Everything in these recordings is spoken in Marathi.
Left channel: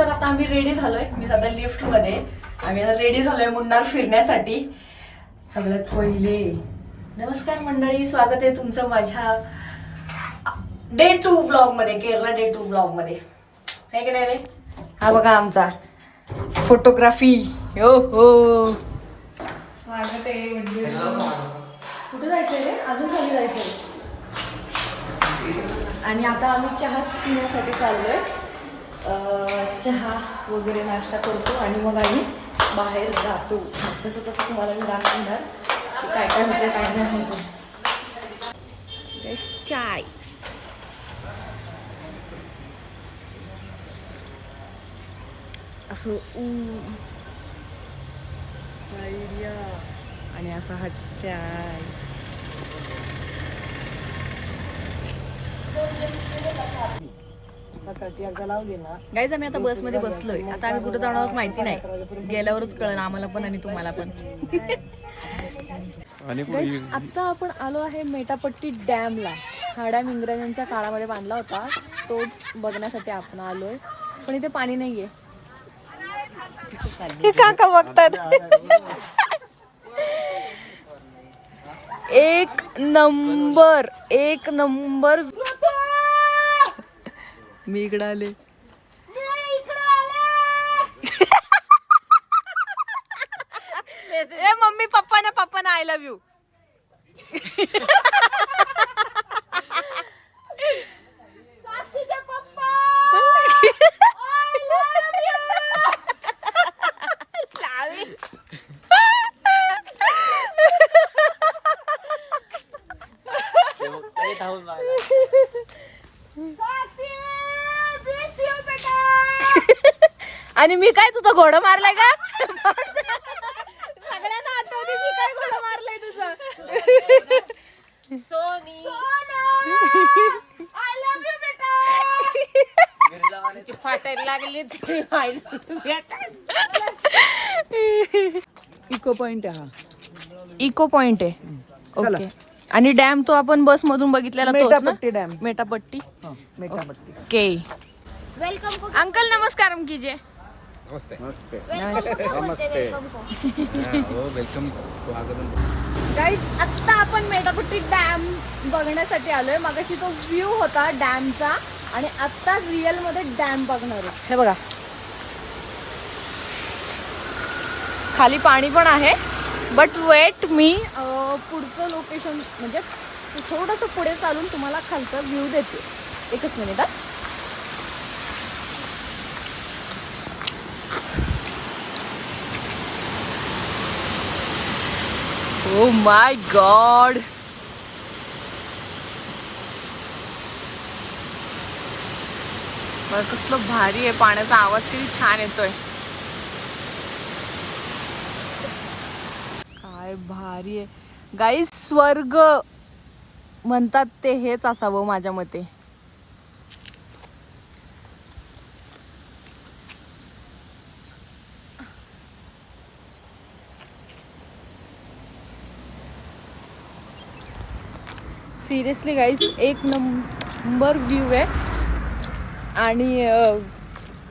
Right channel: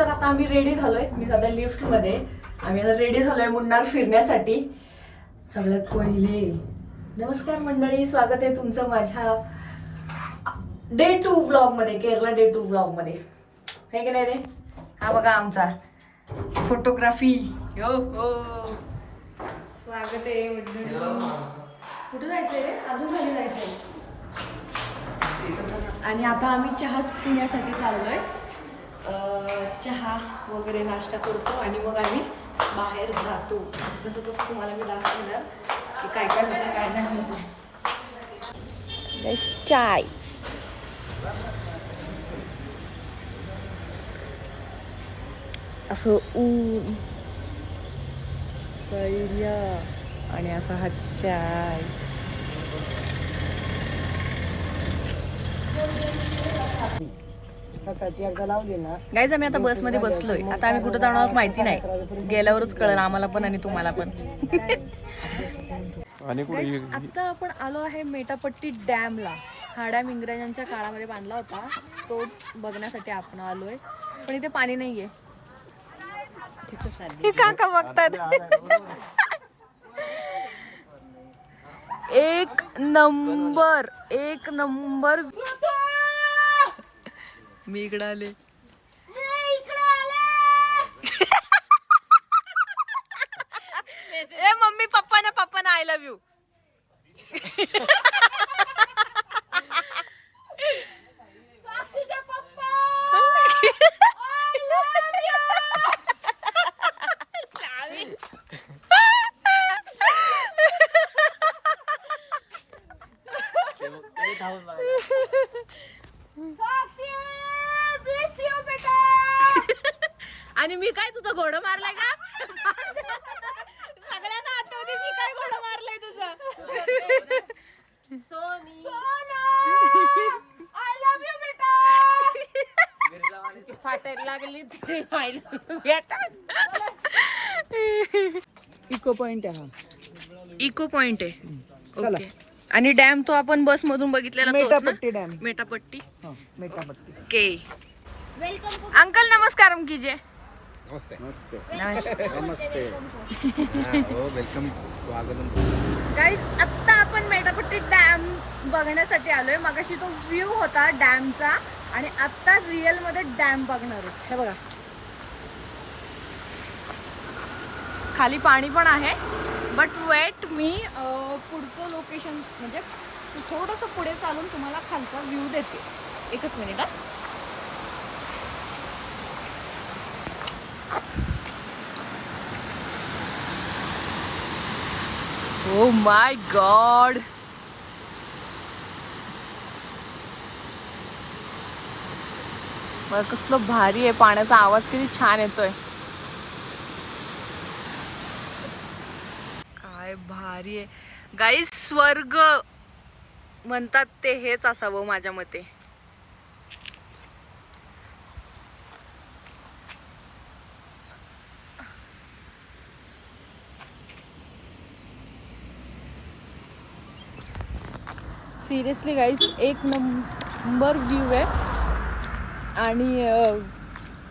तर आता आम्ही रेडी झालोय. मी सध्या लिफ्ट मध्ये. आम्ही आता रेडी झालोय मुन्नार फिरण्यासाठी. सगळ्यात पहिले नमस्कार मंडळी, स्वागत आहे तुमचं माझ्या डे 2 व्लॉग मध्ये, केरला डे 2 व्लॉग मध्ये. है की नाही रे? हा बघा आमचा फोटोग्राफी. हो हो, स्वागत आहे मंडळी. कुठे जायचंय रे? अजून खाली जायचंय. आणि आता आम्ही चहा पिण्यासाठी चाललोय. चहा वगैरे नाश्ता करतो आणि मग आम्ही बाहेर जातो. तसं तसं तुम्हाला मी दाखवणार की काय काय होतं काय नाही होतं. चाय असं ऊन आणि असा हा चाय. गाईज आम्ही आता बसमध्ये बसलोय. आता आम्ही कुठं जाणार आहोत माहिती नाही, गेल्यावरच कळलं आम्हाला पण आणि तुम्हाला पण. गाईज आता आपण आलो आहे मेटापट्टी डॅमला. हा डॅम इंग्रजांच्या काळामध्ये बांधला होता, तोच बघण्यासाठी आपण आलोय. पण इथे पाणी नाहीये. काका बघतात. एक नंबर मी इकडे आले. ए mummy papa I love you. आणि मी काय तुझं घोडं मारलाय का? सगळ्यांना आठवते मी काय घोडं मारलंय तुझं. सोनी आय लव्ह यू बेटा. फाटायला लागली. इको पॉइंट आहे हा. इको पॉइंट आहे. ओके. आणि डॅम तो आपण बस मधून बघितलेला मेटापट्टी डॅम. मेटापट्टी. मेटापट्टी. ओके. वेलकम अंकल, नमस्कारम कीजिए. नमस्ते. नमस्ते. हो, वेलकम, स्वागतम. गाईज आत्ता आपण मेटापट्टी डॅम बघण्यासाठी आलोय. मगाशी तो व्ह्यू होता डॅमचा आणि आत्ता रिअल मध्ये डॅम बघणार आहोत. हे बघा, खाली पाणी पण आहे. बट वेट, मी पुढचं लोकेशन म्हणजे थोडंसं पुढे चालून तुम्हाला खालचा व्ह्यू देते. एकच मिनिट. ओ माय गॉड, बघ कसलं भारी आहे. पाण्याचा आवाज किती छान येतोय. काय भारी आहे गाईस. स्वर्ग म्हणतात ते हेच असावं माझ्या मते. सिरियसली गाईज एक नंबर व्ह्यू आहे आणि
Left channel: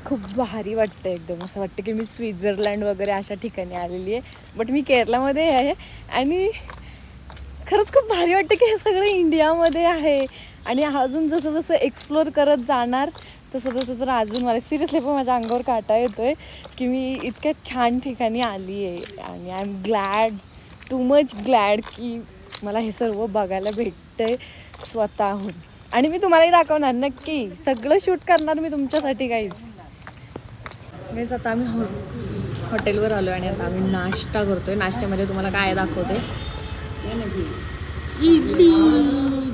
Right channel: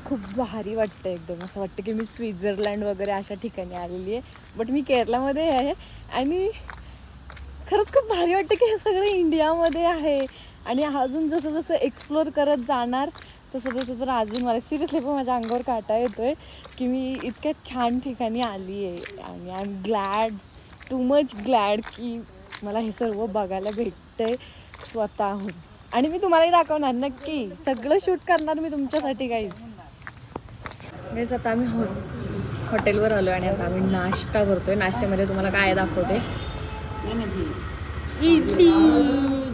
खूप भारी वाटतं. एकदम असं वाटतं की मी स्वित्झर्लंड वगैरे अशा ठिकाणी आलेली आहे. बट मी केरलामध्ये आहे आणि खरंच खूप भारी वाटतं की हे सगळं इंडियामध्ये आहे. आणि अजून जसं जसं एक्सप्लोअर करत जाणार तसं तसं तर अजून मला सिरियसली पण माझ्या अंगावर काटा येतोय की मी इतक्या छान ठिकाणी आली आहे. आणि I am glad, too much glad की मला हे सर्व बघायला भेटतंय स्वतःहून. आणि मी तुम्हालाही दाखवणार नक्की. सगळं शूट करणार मी तुमच्यासाठी गाईज. आता आम्ही हॉटेलवर आलो आणि आता आम्ही नाश्ता करतोय. नाश्त्यामध्ये तुम्हाला काय दाखवते. इडली.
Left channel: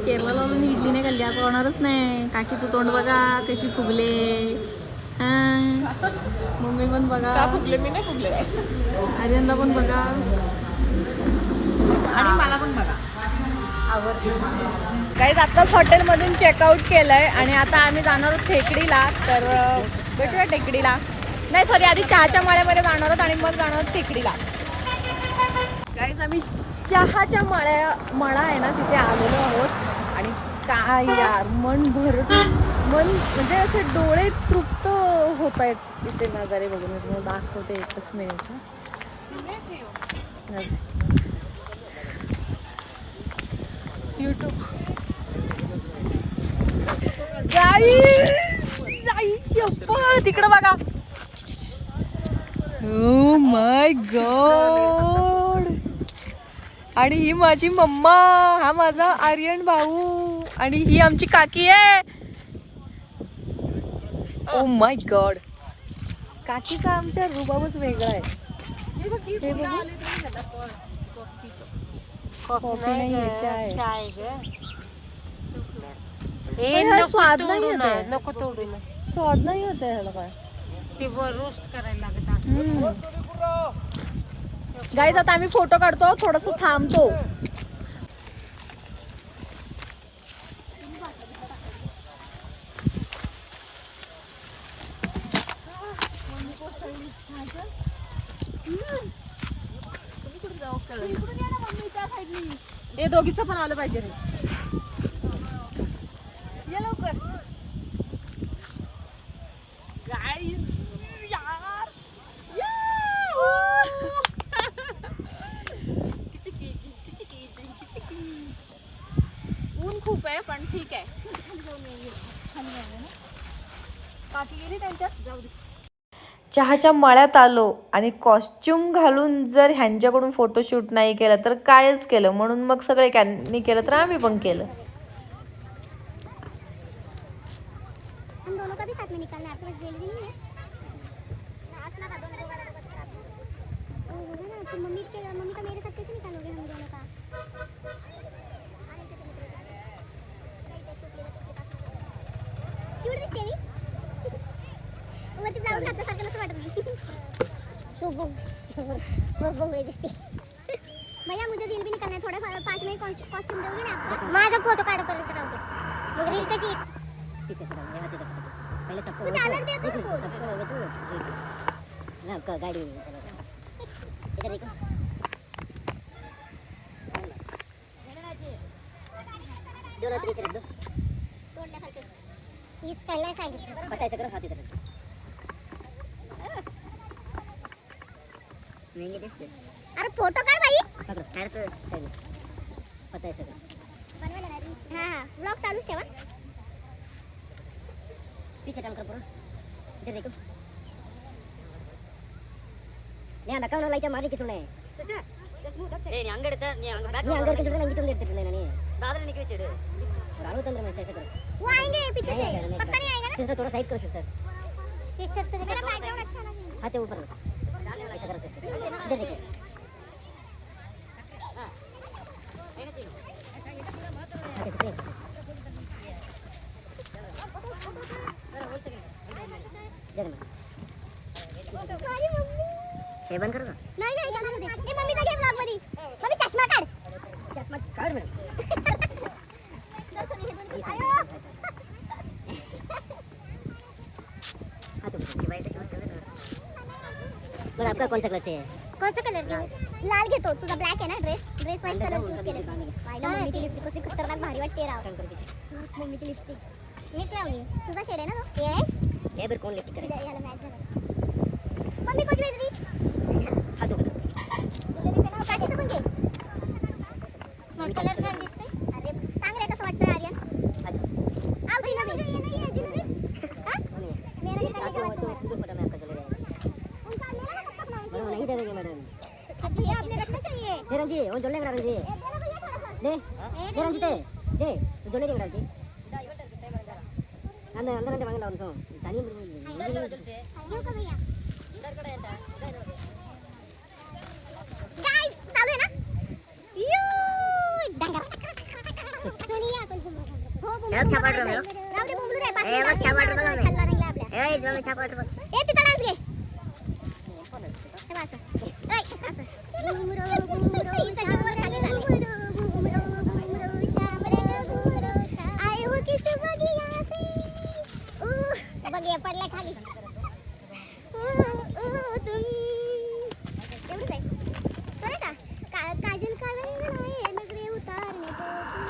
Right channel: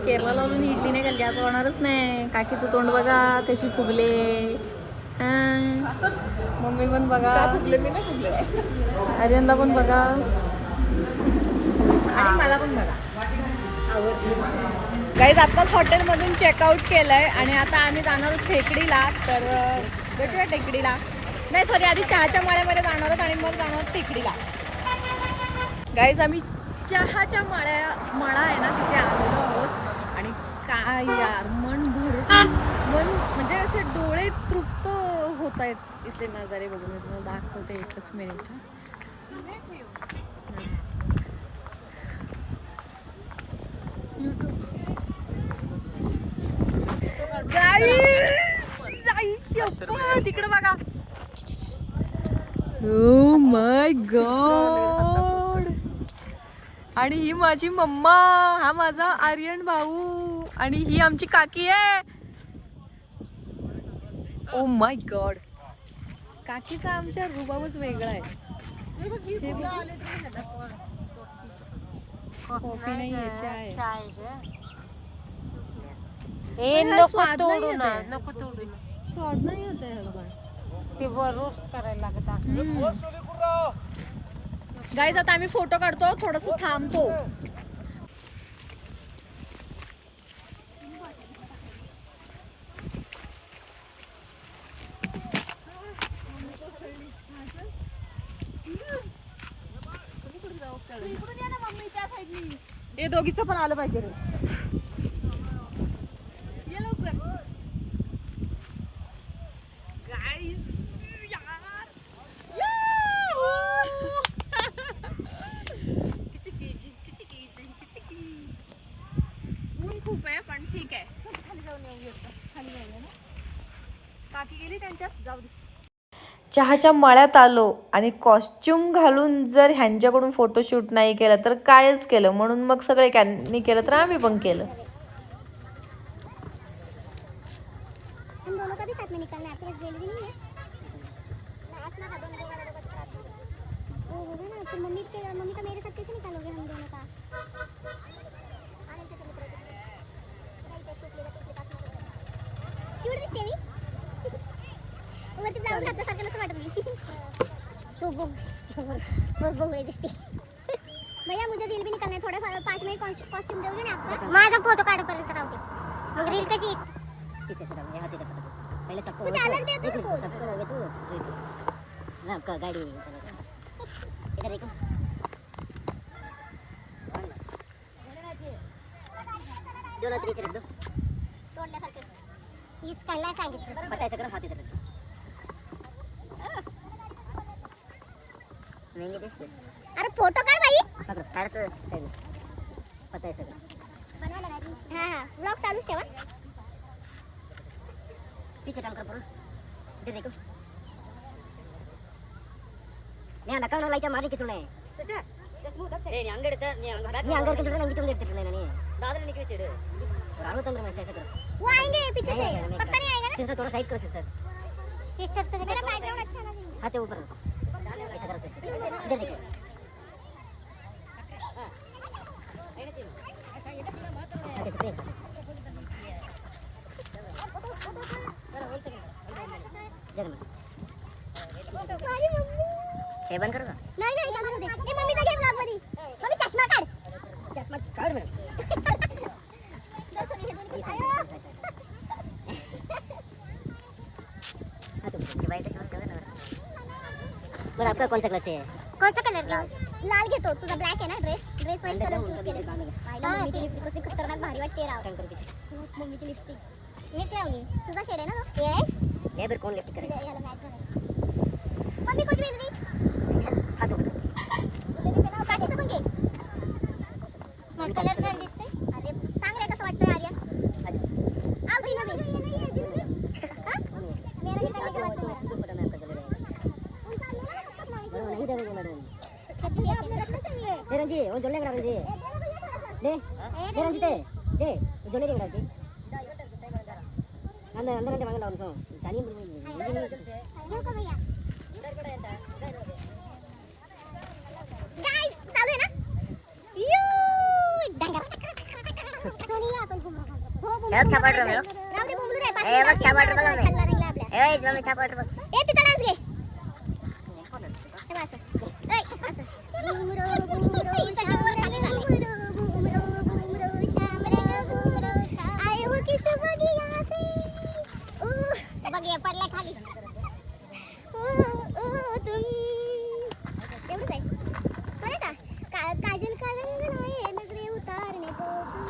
केरला लावून इडली नाही खाल्ली असं होणारच नाही. काकीचं तोंड बघा कशी फुगले. मम्मी पण बघा. फुगले मी नाही फुगले. आर्यनला पण बघा आणि मला पण बघा. गाईज आत्ताच हॉटेलमधून चेकआउट केलंय आणि आता आम्ही जाणार आहोत टेकडीला. तर भेटूया टेकडीला. नाही सॉरी, आधी चहाच्या मळ्यामध्ये जाणार आहोत आणि मग जाणार आहोत टेकडीला. गाईज आम्ही चहाच्या मळा आहे ना तिथे आलेलो आहोत. काय यार, मन म्हणजे असे डोळे तृप्त होत आहेत इथले नजारे बघून मी तुम्हाला दाखवते एकच मिनिट. तिकडं बघा. Oh my God. आणि ही माझी मम्मा, हा माझा आर्यन भाऊ आणि ही आमची काकी आहे. Oh my God. काकीचा आमच्या रुबाबच वेगळा आहे. हे बघा. कॉफी नाही यायची आहे. स्वाद नाही येत आहे ह्याला काय. गाईज आता आम्ही फोटो काढतो, थोडस थांबतो. हे दोघीचं पण आलं पाहिजे रे. ये लवकर. गाईज यार. ऊन खूप आहे पण ठीक आहे. काकी गेली त्यांच्यात. चहाच्या मळ्यात आलो आणि कॉस्ट्युम घालून जर ह्यांच्याकडून फोटोशूट नाही केलं तर कायच केलं. म्हणून मग सगळे त्यांनी केलं तर आम्ही पण केलं. हम दोनों का भी साथ में निकलना है. आपके पास ज्वेलरी नहीं है? लास्ट ना दोनों को वाला का वो होगा ना. तो मम्मी का मेरे साथ कैसे निकालोगे हम दोनों का? आने के मित्र राइट एक टुकले तास ना क्यूट दिसते मी. वो ते ब्लाउज घातल्यासारखं नसं वाटत मी. तो बो दिसते. भैया मुझे रील भी निकलना है. थोड़ा 5 मिनट कॉस्ट्यूम दोगे ना आपका? माझा फोटो काढ कर रील कशी पीछे से ये हाथी देखो. पहले सबको कुछ अलग दे दो. सबको होगे तू ना को गाड़ी इधर देखो. दोनों तरीके रख दो. तोडल्यासारखे हीच खायला सांगितलं. बतायचं करो हाथी देखो. महंगी दिसतेस. अरे फोटो काढ भाई. पकड काढ तर सगळं पता आहे सगळं. बनवायला नाही. हां व्लॉग चालूच ठेवा. पीछे टर्न कर पूरा. इधर देखो. నేను నక్కల లైట్ మారి కిచునే sister just move that side నేను అంగ ఎడతా నేను అంగ బ్యాక్ అంగ కిచునే నేను గిటం ఎడతా నేను दादर निकल चढ़े राणो तंत्र में ऐसे करो. वो आएंगे पीछे से. पक्का नहीं आएगा ना. सिस्टर थोड़ा साइड करो सिस्टर. सिस्टर तो मेरा बैकग्राउंड अच्छा ना चाहिए. हाथ ऊपर ऐसे करो सिस्टर. इधर देखो. हां ऐसा चाहिए. ऐसा इधर पूरा मत करो यार. ऐसे देख. जरा होल्ड सेकंड. अरे मम्मी हे बंद करू का? नाही नाही चालू दे. ए मम्मीचा घे ब्लॉग मध्ये. मम्मी चष्मा काढ. चष्मा काढ मॅडम. दर्शन हे दोन आयो. हां तो की बाई कैसे मत कर ना. पर आपका कौन सा कलर चाहिए? कौन सा कलर? लाल घेतो. तुझा ब्लॅक आहे ना ड्रेस. ड्रेस वाईट कलर पाहिला. मम्मीची लिपस्टिक कशी खतरनाक भारी वाटते राव. टर्न कर पीछे. मम्मीची लिपस्टिक मीच लावली. तुझा शेड आहे ना तो? येस. ये बर कोण लिपस्टिक करेगा? याला मॅच झाला. मम्मी कुछ भेज दी. हां तो काकीचं पण घे. मग कलर छान दिसते. अरे सांग रे कसं वाटतं आर्यन. अच्छा आ भाई ना ये नहीं है जिन्होंने हां मेरा ही कलर का तो इसको फोटो में आपका चले जाएगा. उनका मेरा ना कब मांग वो नहीं देंगे मैडम. ये आपने रखना चाहिए. दे रंजी वो जोड़ने का रंजी. दे रंजी दे जोड़ने का रंजी. अंदर अंदर अंदर मांगना उनको जानी ये का भैया गाइस चालू है ना. यू डंगा सोनिया आपण घुमू. हो घुमू. एक छापाट रे राव दे बोंबलू रे. ए बघ छापाट रे बघ. छल्ला रंगला आपल्या. ए मम्मी छापाट रे बघ. ए तिथं डान्स घे. हे बघ असं. ए असं घुमरो शाम रे घुमरो शाम रे घुमरो आए हो किस बगिया से. बगिया पडला खाली. तुम एवढंच आहे. बरं का काजल का रंग लाए नजरे उतारने को.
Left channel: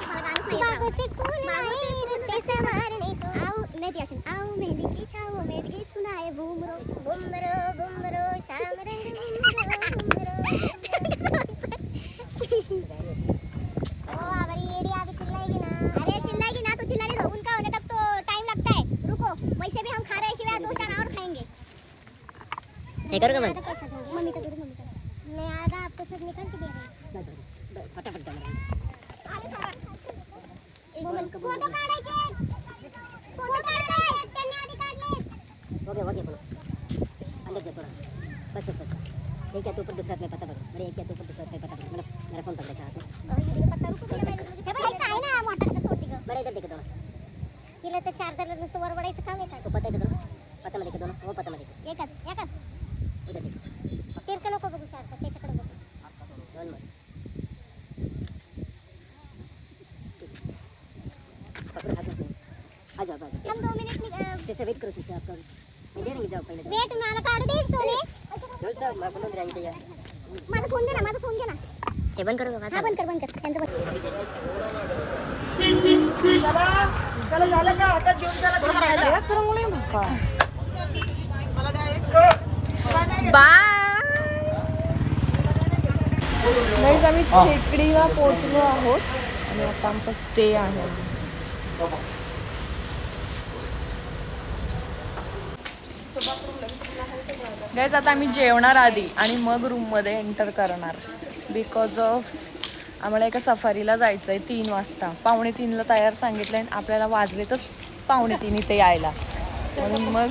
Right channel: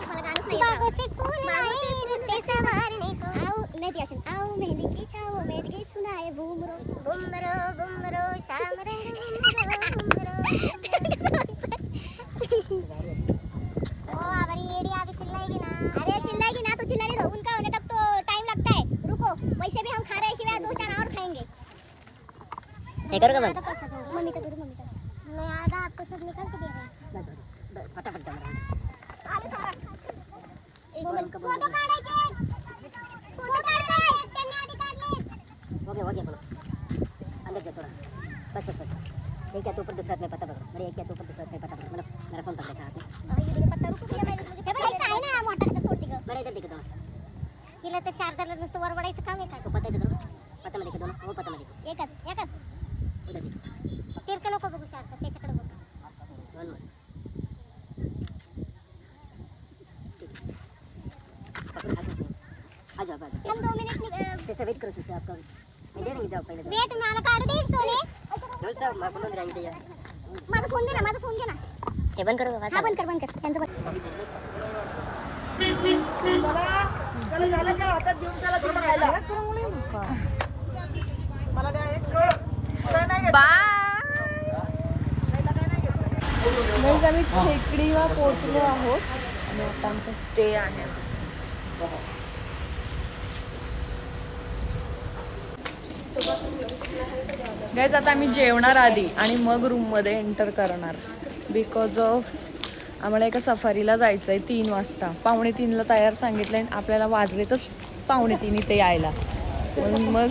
मला गाणंच नाही येत. आओ नहीं ती असेल. आओ मेहंदी की छाओ में ये सुनाए घूमरो घूमरो घूमरो शाम रे अरे चिल्लाएगी ना तो चिल्लाने दो, उनका होने तक तो टाइम लगता है, रुको। वैसे भी हम खा रहे हैं शिवाय 2 चार और खाएंगे। हे करो का बंद? मम्मीचा दूध मम्मीचा मैं आधा आपको सब निकाल के दे रही हूं। फटाफट जाऊन आले थांबा। फोटो काढायचे, फोटो काढताय त्यांनी आधी काढले। हो गया अंदर जा थोड़ा, बस बस बस। एक या तो ऊपर दूसरा में पता पकड़ो, अरे एक या तो ऊपर दूसरा में पता पकड़ो, मेरा फोन पकड़े साथ में। ये देखो पत्ता रुको भैया, मैं मुझे हे काय ना मोठा कसं तोडती ग। बरं इधर देखो दोन तिला तर शारदाला नुसतं वर वडायचं काम आहे का? पत्ता देखो, पत्ता मध्ये दोन, हो पत्ता मध्ये एकच इधर देखो। तिरके नको बघू शारदा, त्याच्याकडे बघ। आ जाओ हम 2 मिनट सिस्टर वेट करो सिस्टर, आपका मैं दे देंगे, जाओ पहले वेट नाना काढू दे सोने। बोल सर मैं बोलून राहिली यार, माझा फोन दे ना हे बंद करो बाबा। बंद कर यांचं बंद। चला झालं का आता घेऊन चला घरी राहायला. मला द्या एक. बाय गाईज, आम्ही टेकडीला पोहोचलो आहोत आणि आता आमचा स्टे आहे. गाईज, आता आम्ही जेवणार आधी आणि मग रूममध्ये एंटर करणार, बिकॉज ऑफ आम्हाला एका सफारीला जायचं आहे 3 वाजता. 2:45ला तयार सांगितलं आहे, आपल्याला वाजलेतच 2:45 इथे यायला, म्हणून मग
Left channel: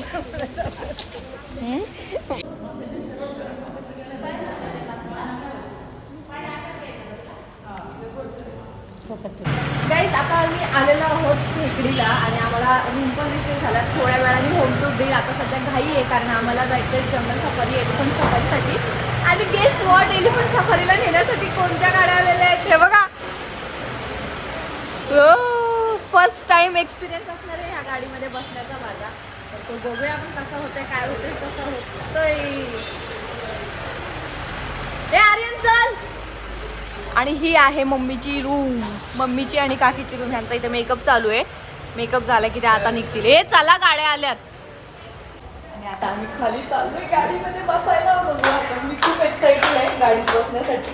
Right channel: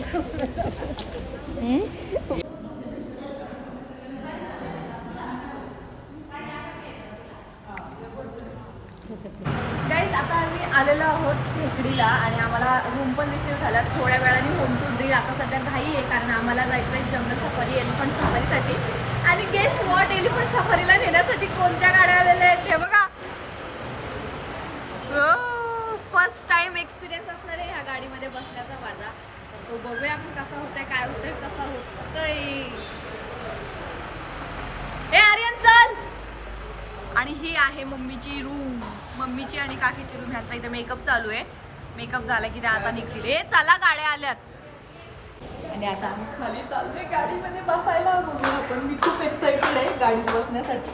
गाईज, आता आम्ही आलेलो आहोत खेकडीला आणि आम्हाला रूम पण रिसीव झाला. थोड्या वेळाने होम टूर देईल. आता सध्या घाई आहे कारण आम्हाला जायचं आहे जंगल सफारी, एलिफंट सफारीसाठी. आणि गेस वॉट, एलिफंट सफारीला नेण्यासाठी कोणत्या गाड्या आलेल्या आहेत हे बघा. फर्स्ट टाइम एक्सपिरियन्स असणार आहे ह्या गाडीमध्ये बसण्याचा माझा. तर तो बघूया आपण कसा होतोय, काय होतोय, कसा होतोय. हे आर्यन चल. आणि ही आहे मम्मीची रूम, मम्मीची आणि काकीची रूम. ह्यांचा इथे मेकअप चालू आहे. मेकअप झाला की ते आता निघतील. हे चला, गाड्या आल्यात. आणि आता आम्ही खाली चाललोय गाडीमध्ये बसायला. बघू आपण, मी खूप एक्साइटेड आहे गाडीत बसण्यासाठी.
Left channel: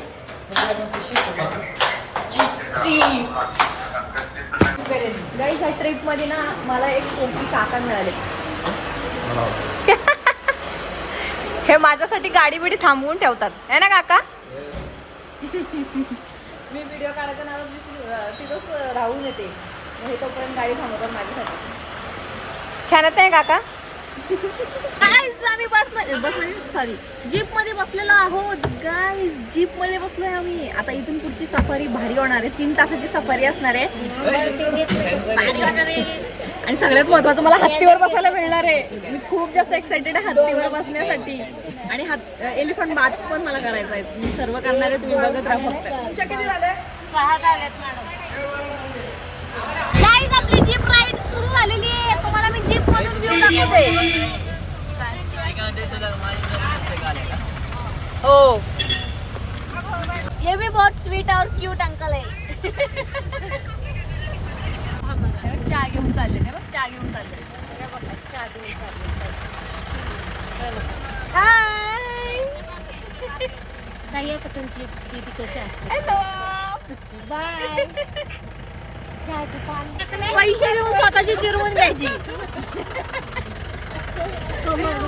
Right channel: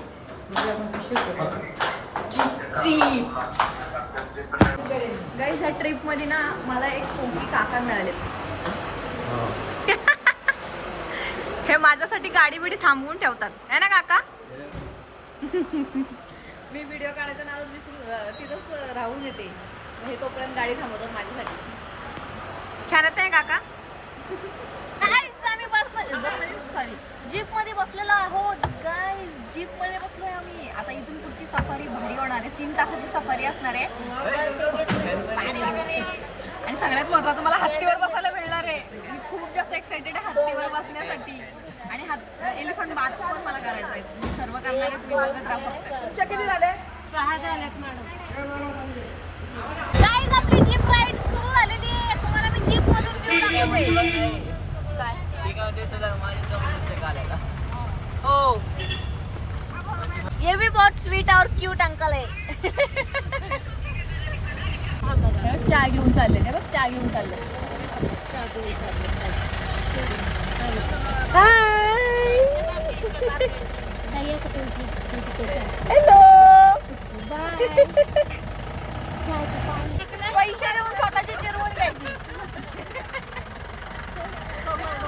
गाईज, ह्या ट्रिपमध्ये ना मला एक कोकी काका मिळाले. हे माझ्यासाठी गाडी बिडी थांबवून ठेवतात है ना काका. मी व्हिडिओ काढायच्या नादात तिथंच राहून येते, हे तोपर्यंत गाडी थांबवतात माझ्यासाठी. छान आहे काका. गाईज, आम्ही बसमध्ये सॉरी जीपमध्ये बसलेलो आहोत. गाईज, जीपमध्ये बसलोय आम्ही. आता इथून पुढची सफारी भारी होणार आहे. 3 तासाची सफारी असणार आहे. आणि सगळ्यात महत्त्वाचं, मला हत्तीवर बसायला मिळणार आहे. मी खूप जास्त एक्सायटेड आहे हत्तीवर बसण्यासाठी. आणि एलिफंट बाथ पण मला करायचं आहे. मी सर्व करणार आहे, तुम्ही बघत राहा फक्त. 6 झालेत मॅडम. गाईज, आपली जीप राईड सुरू झालेली आहे. तुम्हाला मी जीप मधून व्ह्यू दाखवते. हो, ये भी बहुत स्वीट और क्यूट अंकल है. चहा घेऊन चालले ना, बघ चहा घेऊन चालले. हॅलो, पैसे देऊन स्वतःची चिरवून घ्यायची.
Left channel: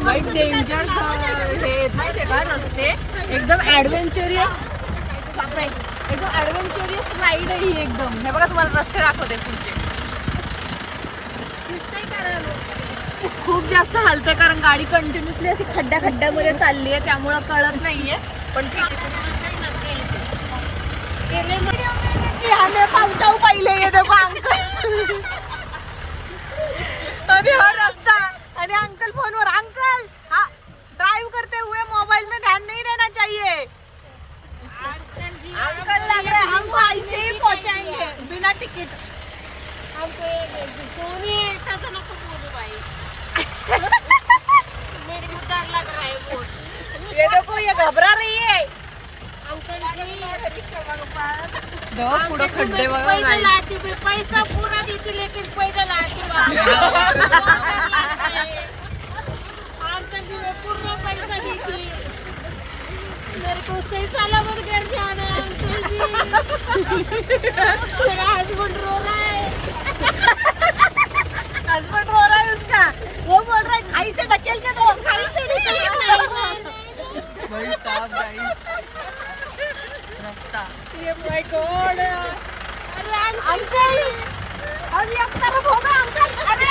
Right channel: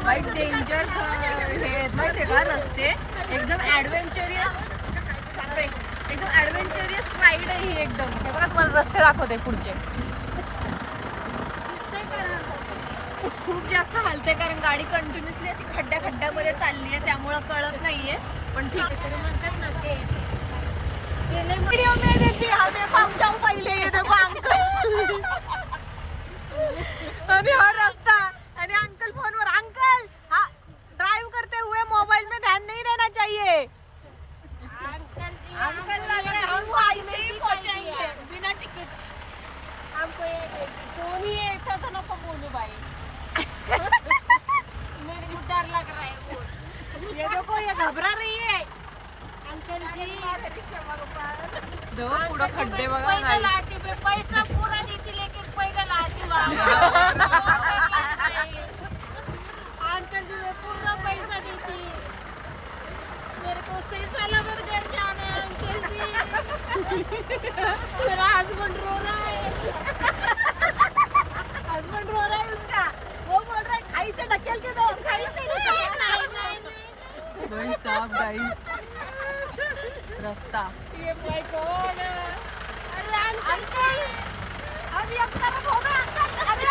वाईट डेंजर हे माहिती का रस्ते, एकदम ॲडव्हेंचरियस. बापरे, एकदम ॲडव्हेंचरियस राईड आहे ही एकदम. हे बघा, तुम्हाला रस्ते दाखवते पुढचे. खूप जास्त हलते कारण गाडी कंटिन्युअसली अशी खड्ड्यामध्ये चालली आहे, त्यामुळं कळत नाहीये. पण ठीक आहे. वीडियो में देखिए हमें पहुंचाऊ पहले, ये देखो अंकल. अभी हर रास्ता अरे अंकल फोन पर, अंकल हाँ ड्राइव करते हुए मोबाइल में ध्यान नहीं देना चाहिए. अंकल लग रहा है हमको ऐसे ही पहुंचाएंगे बिना टिकट. हमको ऐसा नको बोलू भाई. मेरे को डर लग रहा है बहुत. ये देखो, ये घबरा रही है. अंकल जी देखो पुढे खड्डे बघा. पैसा पूरा देती लेकिन पैदल आती. सही साला बर्गर जाना तेरा हस्बैंड रो रहा है हस्बैंड रो रहा है उसका, वो बोल रहा है खाई से ढकेल के दो, खाई से ढकेल के दो। भाई साहब गाइस रास्ता माय गॉड अंकल अभी अब तरफ होगा अंकल। अरे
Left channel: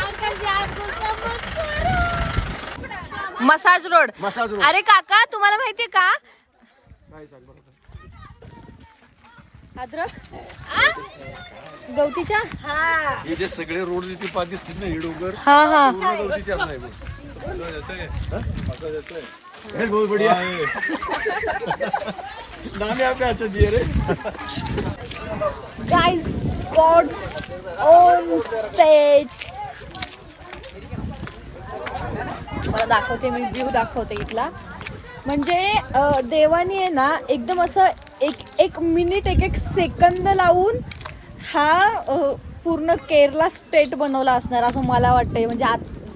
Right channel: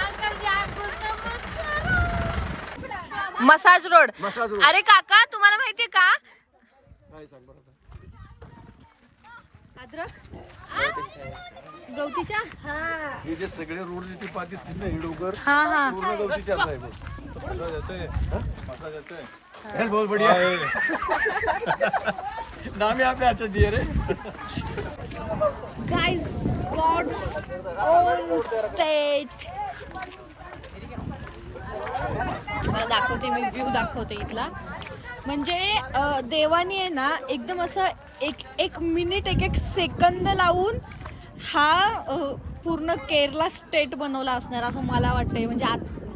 अंकल जान गुस्सा मत करो। Massage road, massage road. अरे काका तुम्हाला माहितीये का काय सांग बरं. अद्रक गवतीच्या हे जे सगळे रोड तिथे पाच दिसतील ना, ही डोंगर हा हा पूर्ण गवतीच्याच नाही बघ. हे बहुत बढ़िया है. नाम यहाँ पे अच्छा दिए रे. Guys God's own state. मला दाखवते, मी व्ह्यू दाखवते इथला. म्हणजे देवानी आहे ना एकदम असं एक मिनिट एक सेकंद लावून हा पूर्ण केरला स्टेट बनवला असणार असं मला वाटतंय. म्हणजे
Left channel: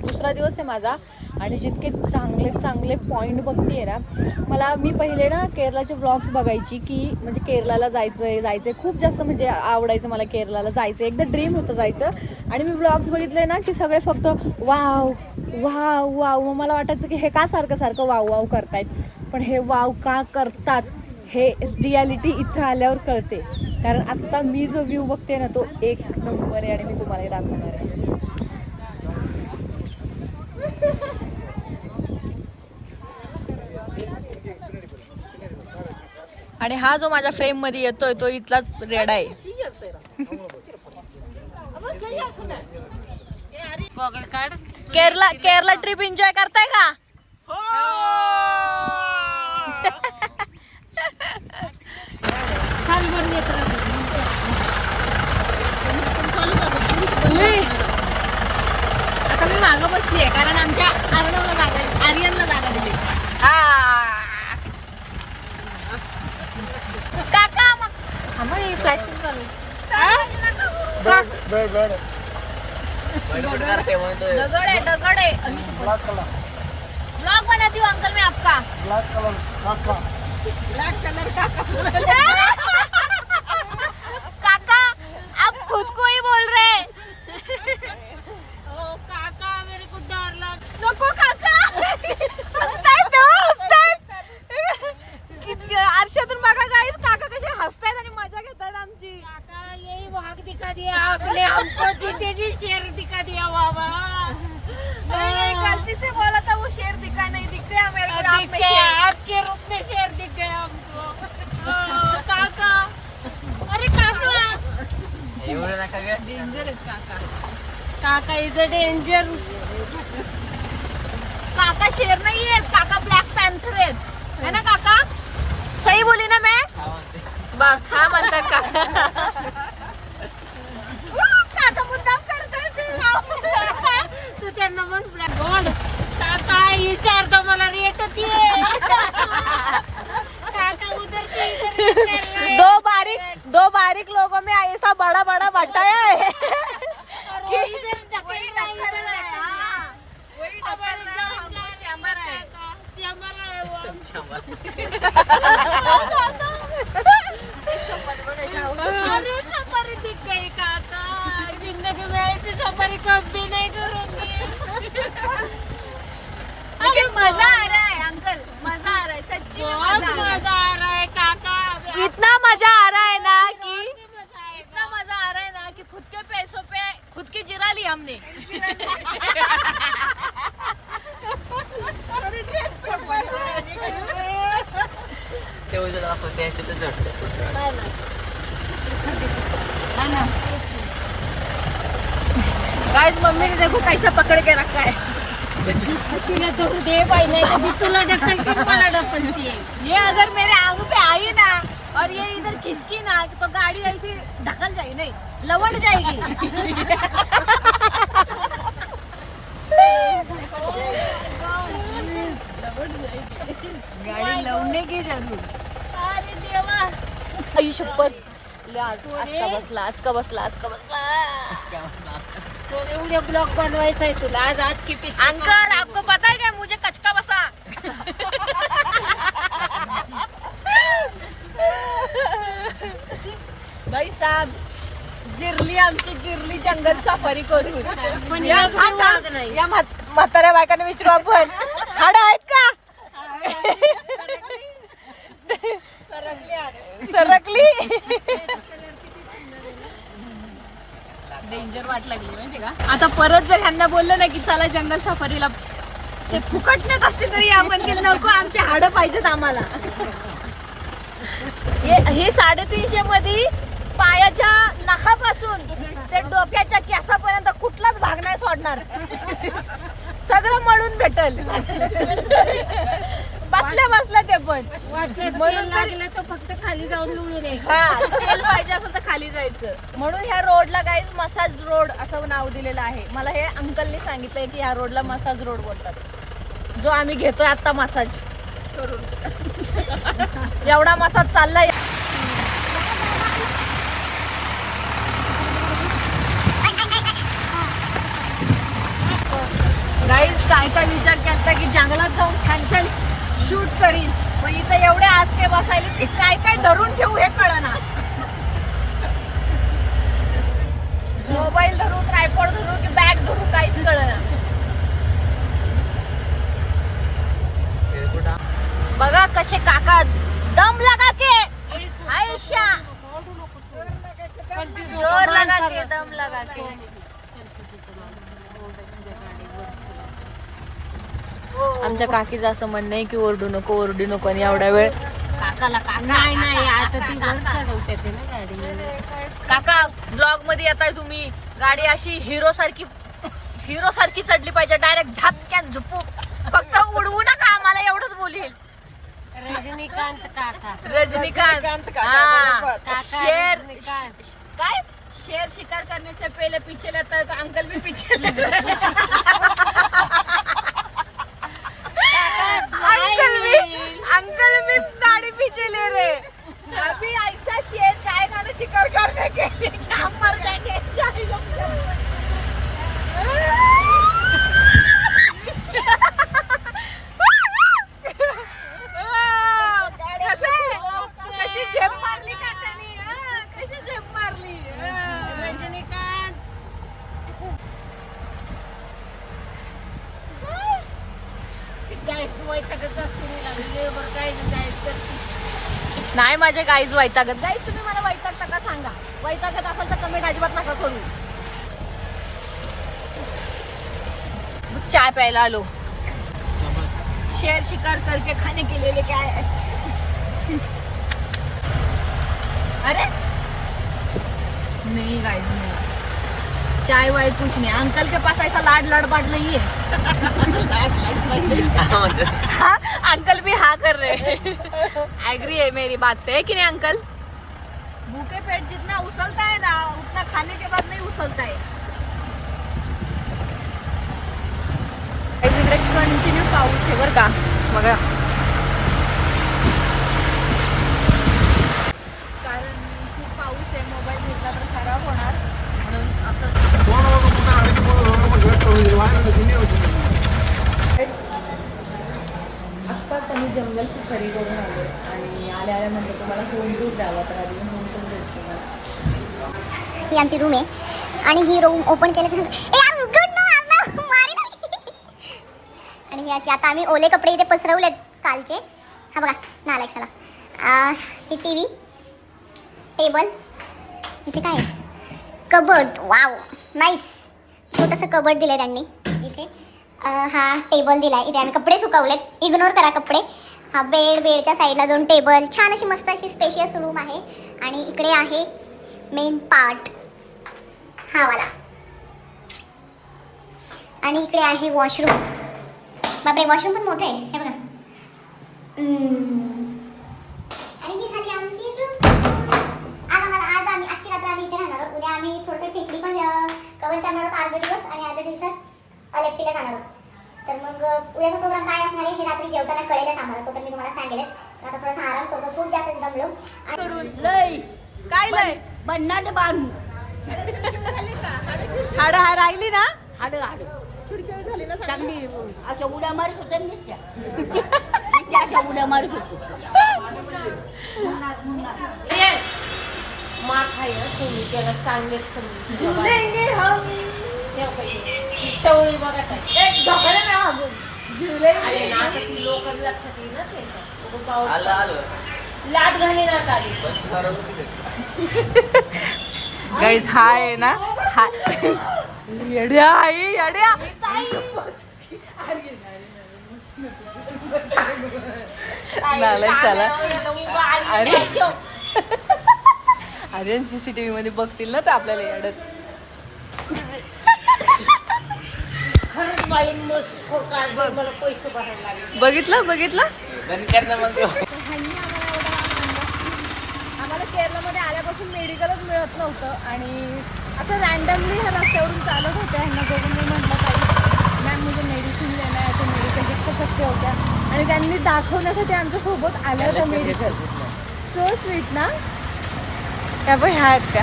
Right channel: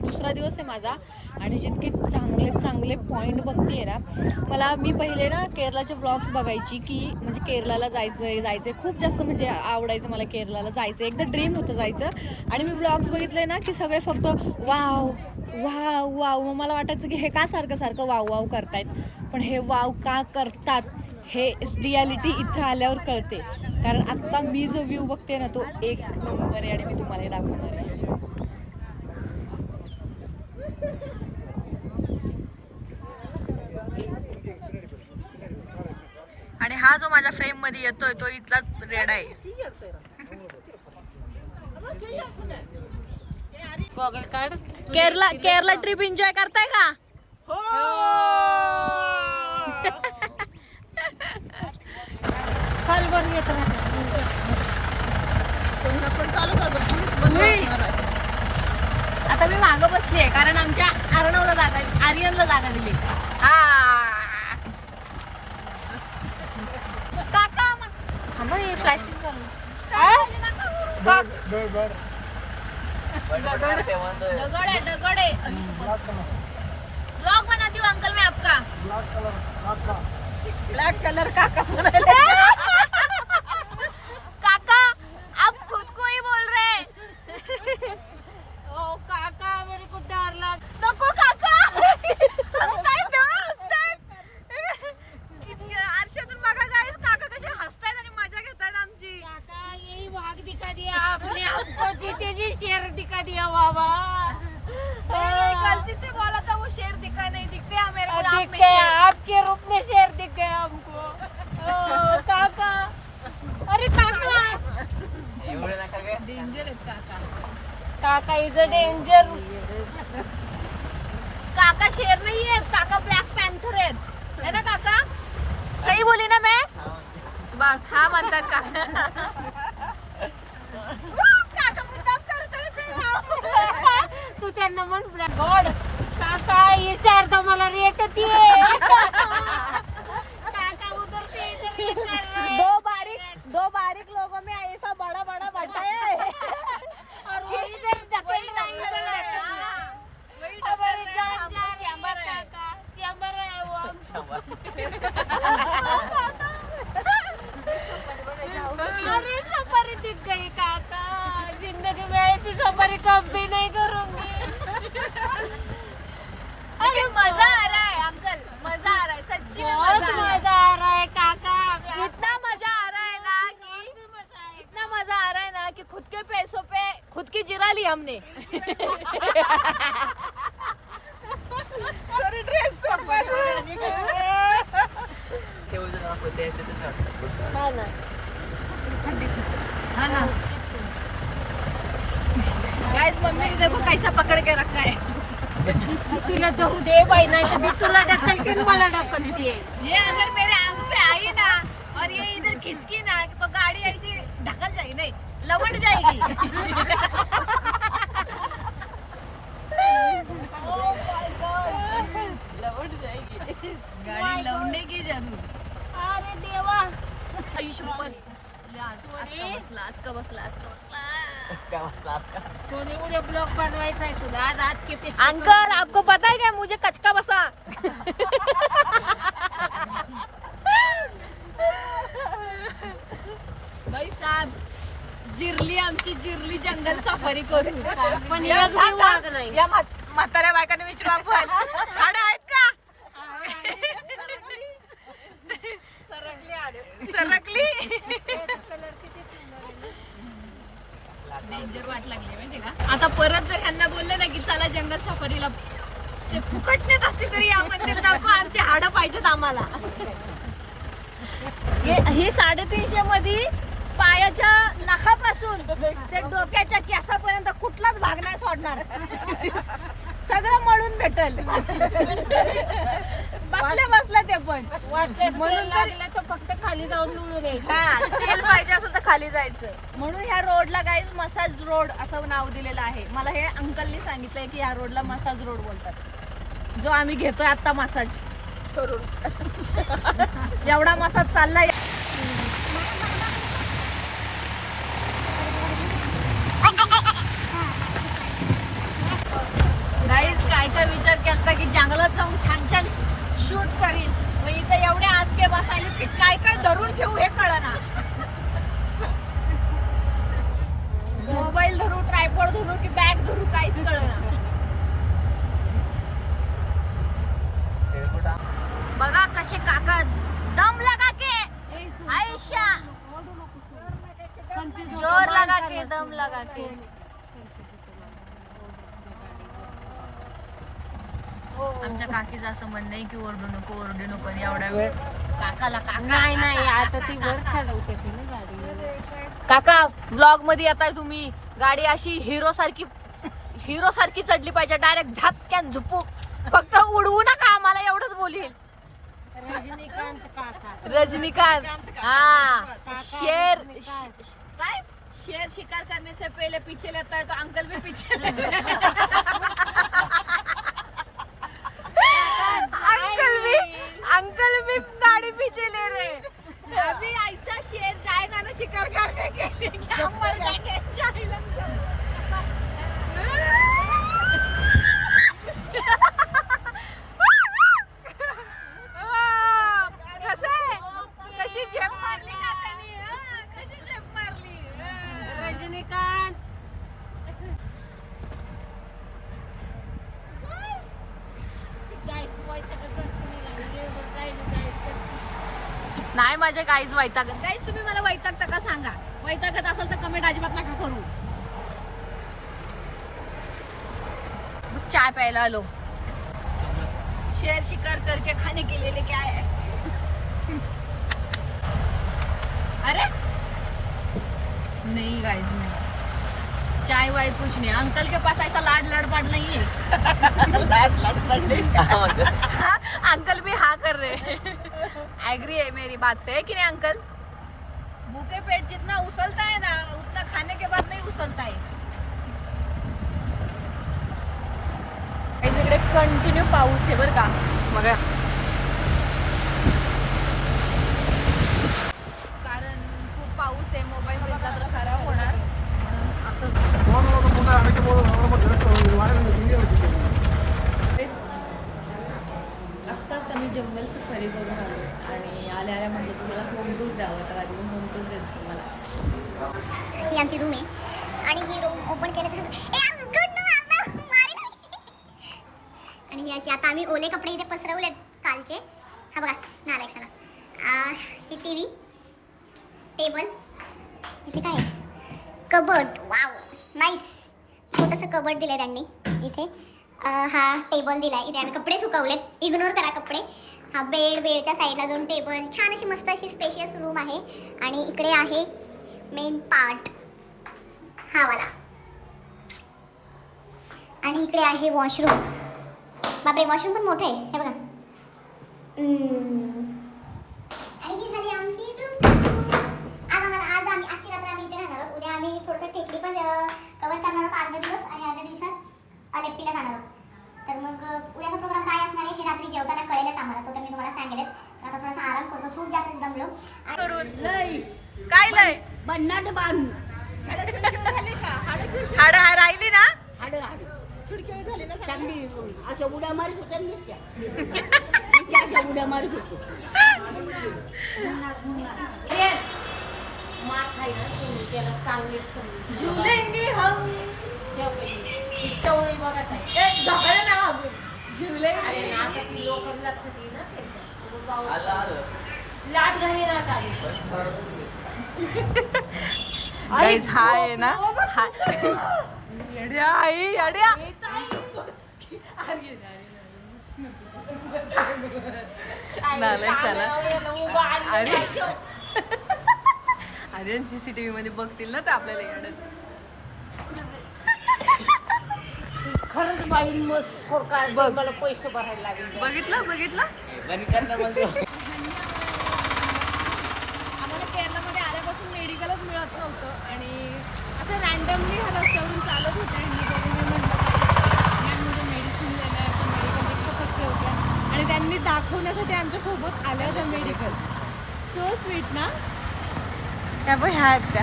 दुसरा दिवस आहे माझा आणि जितके चांगले चांगले पॉईंट बघते ना, मला मी पहिले ना केरलाचे व्लॉग्स बघायची की म्हणजे केरलाला जायचं खूप जास्त म्हणजे आवडायचं मला केरलाला जायचं, एकदा ड्रीम होतं जायचं. आणि मी व्लॉग्स बघितले ना की सगळे फक्त वाव वाव वाव, मग मला वाटायचं की हे का सारखं वाव वाव करतायत, पण हे वाव का करतात हे रियालिटी इथं आल्यावर कळते. कारण आत्ता मी जो व्ह्यू बघते ना तो एक नंबर आहे आणि मी तुम्हाला दाखवणार आहे. आणि हा जो माझ्या फ्रेम मध्ये येतोय तो इथलाच रेडा आहे. केरला ट्रिप एन्जॉय करताय का? आता मी मागं बसली आहे कारण आमच्या आर्यनला जागा दिली. काका मग फ्लॅश दगड है ब्लॉग बनाती हूँ अंकल मैं आपका. ब्लैक कलर काका आप खुद को ही बोल रहे हैं. काका मेरे को डर लग. नको काका हसतायत तो हसतायत. आरशातून बघा गाईस काका कसे हसतायत आणि मजा घेतायत आमची. काका यही वाघ दिखा दिया आपने हमको चीते जी शेर दिखा दिया बाबा. नहीं गलती से बोला था, वो शेर दिखा नहीं, दिख गया मेरे को आप में शेर. आपके रूप में शेर दिख गए हमको. काका अरे काका डेंजर आहेत काका. काका इज अ डेंजर. काका शेर नहीं है, काका ब्लॅक पॅन्थर आहेत, है ना काका? सही बोली ना मैं? बघ हा म्हणतात काका. काका मुद्दाम करताय ते. तू त्यांना मग गॉड काका ये शेर तो मला रेट होती है. काका उधर से इधर से कर रहे हैं. दो बारीक लोगों में ऐसा बड़ा बड़ा बटाया है और वो इधर वही ढकल रहा है. हाँ, वही ढकल रहा है, हमको चैम्बर है. चैम्बर है वो. अरे सफारी दिख गई काका. जिंदगी में ऐसी सफारी कभी नहीं करूंगी. लेकिन मजा आ रहा है अंकल, मजा आ रहा है सच्ची में बहुत मजा आ रहा है. मजा आ रहा है काका. इतना मजा आ रहा है ना कि मजा आएगा. इतना मजा आ रहा है ना कि खुद के पैसों पे खुद की जिरा ली हमने. गाइस मम्मी ने देखो कैसा पकड़ के रखा है. तुला तो दे पहिला तुला ढकलती मला ढकलती है. ये अगर मेरे आंखों पे आई ना और ये इधर खिसकी ना तो गाड़ी ऐसी ढकल जाएगी, नहीं लवट जाएगी. गाड़ी लवने की जरूर. अरे देवा. आई शपथ. आज का बसला. उद्या ब्लॉग बनवायचा आहे तुला आज की अंकल आपको पता है क्या मुझे कचका बसा भाई साहब जिरली आमची जिरली जंगल सफारी करू या म्हाताऱ्या बायकाने विचारू आपण हाडं आहेत का सरकली डेंजर वाट लागली माहिती का. आता परत जर ह्यांना बोललं ना की चला जंगल सफारीला ते फुकटण्यात असते तरी या म्हणतील नको आमचे हाडं पाहिजेत आम्हाला. हे 350 मध्ये पायाच्या नखापासून ते डोक्याच्या केसापर्यंत कुठलाच भाग नाही सोडणार सगळं मळून भेटल बसल्या बसल्या ते पण म्हणून तर फक्त खाली जाऊन लुळू दे. तेल पाहिजे असेल तर खाली जायचं म्हणून ह्या रोडला गाईज मसाज रोड असं नाव दिलेलं आहे. मला हे अंकलनी सांगितलंय की ह्या रोडला मसाज रोड बोलतात जो आम्ही घेतोय आता मसाज एवढा मसाज चाललाय. गाईज काय काय विचार केलता की जंगलात जाऊन छान छान शूट करीन मग इथं एवढे आजके बसायले की काय काय धरून ठेवू हे कळना. मोबाईल धरू ट्रायपॉड धरू की बॅग धरू काहीच कळना. बघा कसे काका दम लगा के आयशा जोर लगा के दम लगा के आमच्या काकीचं असं म्हणणं आहे की ओरडू नको आणि एवढा वेळ काकाला काका ब्लॉग मध्ये येताय तुम्ही गाडी अशी हिरो सारखी चढली पाहिजे डायरेक्ट झपक्यान झुपू फक्त उडवू नका आम्हाला एवढंच बोलील. रजनीकांत हाँ शेर काय शेर शिकार करने से पहले पीछे लेता है तो अंकल भी पीछे लेता है. अंकल भी गाड़ी पीछे ले रहे. अभी ऐसा शेर जाएगा ना शिकार करने के लिए कि हम मर जाएंगे. कशी झेप मारली काकानी कशी झेप मारली. नाही माझे गाईज वैतागत. गाईज तुम्ही मला वैतागता का सांगा. वैतागत असेल तर कमेंट अजिबात नका करू. मग चाय प्यायला आलो. शेर शिकार करके खाने के लिए लेके आए. अरे नहीं गाइस नहीं चाय वाय कुछ नहीं. अंकल के पास ऐसा लाड लड़बाड़ नहीं है. हाँ, अंकल भी हाँ कर रहे एग्री है मेरी बात से है कि नहीं अंकल. भूखे पेट जितना उछलता है ना उतना खाने के बाद नहीं उछलता है. इकडे कंटिन्यू पाऊस आहे बरं का. बघा कारण खूप पाऊस आहे. मोबाईल भिजला तर खराब होणार म्हणून असं आत्ताच आम्ही जंगल सफारी करून आलो आणि आल्या म्हटलं तुम्हाला होम टूर द्यावा तर आधी मी होम टूर देते तुम्हाला. ही आमची रूम आहे आणि ही रूम ओपन केल्याच्यानंतर आणि ही अशी आता आम्ही ओले कपडे इथे पसरवलेत कालचे. हा बघा नालायक चला. ही टी व्ही टेबल इथे काय कबर्ड वाव नाईस छोटंसं कबर्ड दिलं त्यांनी इथे. हा टेबल दिला आहे इथे आम्ही कपडे सुकवलेत इग्नोर करा कपडे. हा बेडच्या साईडला दोन टेबल छान अशी मस्त अशी स्पेशियस रूम आहे. आणि इकडे आहे मेन पार्ट हा वाला आणि इकडे आहे वॉशरूम. बापरे वॉशरूम पण मोठं आहे हे बघा. आणि ही झाली आमची रूम. आजची रात्र आम्ही इथे राहणार आहोत. उद्या आम्ही थोडंसं टेकडी पण कवर करणार आहोत अर्धा दिवस आणि अर्ध्या दिवसात अलेप्पीला जाणार आहोत. तर मग उद्याचा प्रोग्राम काय असणार आहे हे रात्री जेवताना कळेलच आम्हाला. तो तर मी तुम्हाला सांगेलच. आता थोडासा आराम करतो खूप जास्त दमलो. लय काय लय बन्नाट बांधू हाड राहिली ना. हाड चांगली अशा उड्या मारत होत्या नुसत्या अशा उड्या मारत होतो. मार खायला सोडून त्याला सांगत समजून झुलेंगे हम. टवळी बघा टाक. झोपायला ना मागून झुलेंगे. अरे ना आता ती लोकांना लक्षात येईल ना त्याच्या लाट घाली ना काढी. गाईज हा आहे ना हा येड्या आई येड्या. नालायक साला. अरे अरे CCTV मध्ये बघतील ना तर आपल्याला येडत. खरंच बाई मस्त बघ. पैसे भरायला लागले. बघितलं बघितलं. आम्हाला केरलामध्ये आल्यापासून मेडिकलच मिळत नव्हतं आणि असं रँडमली ह्या रस्त्यावरून चालत होत्या. ह्यांना बघून मी म्हटलं ताई मॅम मुझे मेडिसिन लेना है तो मेडिकल दिखा सकते होत्या आणि त्यांनी दाखवण्यासाठी आमच्यासोबत आल्या होत्या मेडिकल. सो स्वीट ना. त्या पण ह्या आहेत त्या.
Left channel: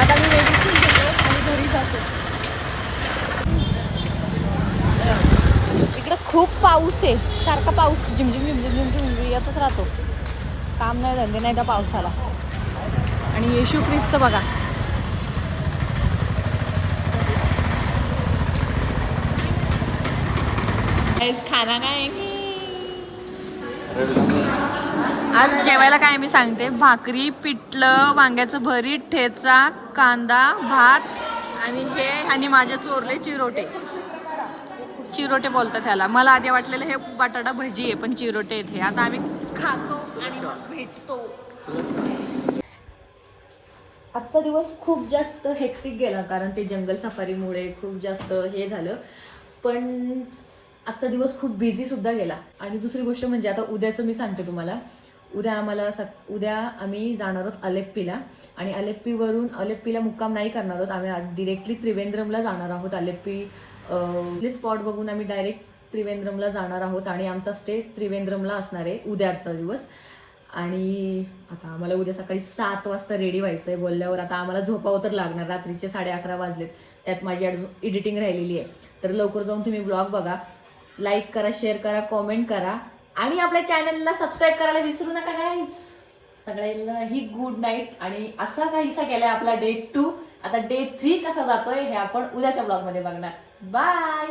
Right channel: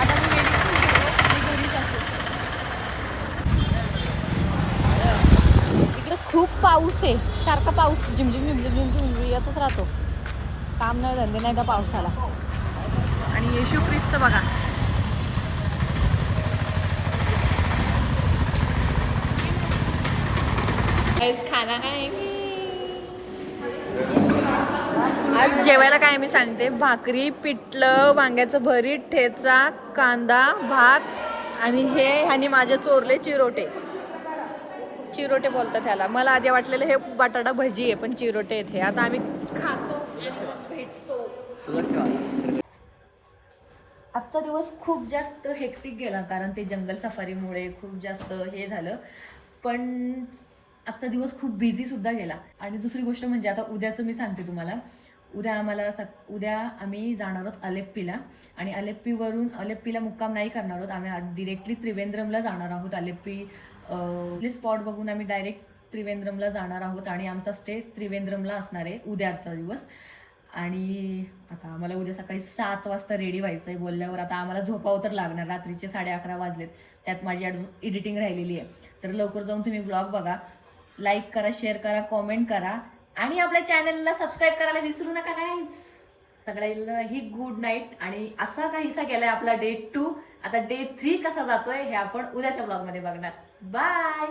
आता मी मेडिसिन घेतो आणि घरी जातो. इकडे खूप पाऊस आहे. सारखा पाऊस झिमझिम झिमझिम झिमझिम येतच राहतो. काम नाही धंदे नाही त्या पावसाला. आणि येशू ख्रिस्त बघा. खाना काय आज जेवायला काय मी सांगते. भाकरी, पिठलं, वांग्याचं भरीत, ठेचा, कांदा, भात आणि हे आणि माझे चोरले चिरोटे. चिरोटे बोलतात त्याला. मला आधी वाटलेलं हे बटाटा भजी आहे पण चिरोटे आहेत हे. आता आम्ही खातो आणि मग भेटतो. आजचा दिवस खूप जास्त हेक्टिक गेला कारण ते जंगल सफारीमुळे खूप जास्त हे झालं. पण आजचा दिवस खूप बिझी सुद्धा गेला. आणि दुसरी गोष्ट म्हणजे आता उद्याचं मी सांगते तुम्हाला. उद्या आम्ही जाणार आहोत अलेप्पीला आणि अलेप्पीला मुक्काम नाही करणार आहोत. आम्ही डिरेक्टली त्रिवेंद्रमला जाणार आहोत. अलेप्पी स्पॉट बघून आम्ही डायरेक्ट त्रिवेंद्रमला जाणार आहोत आणि आमचा स्टे त्रिवेंद्रमला असणार आहे उद्याचा दिवस. आणि आता आम्हाला उद्या सकाळी 7 वाजता रेडी व्हायचं आहे बोलल्यावर आता आम्हाला झोपावं तर लागणार. रात्रीचे 11:30 वाजलेत. त्यात माझी एडिटिंग राहिलेली आहे. तर लवकर जाऊन तुम्ही व्लॉग बघा. लाईक करा, शेअर करा, कॉमेंट करा आणि आपल्या चॅनलला सबस्क्राईब करायला विसरू नका गाईज. सगळ्यांना ही गुड नाईट. आणि असा काहीसा गेलाय आपला डे 2. आता डे 3 कसा जातोय हे आपण उद्याच्या ब्लॉगमध्ये बघणार. बाय.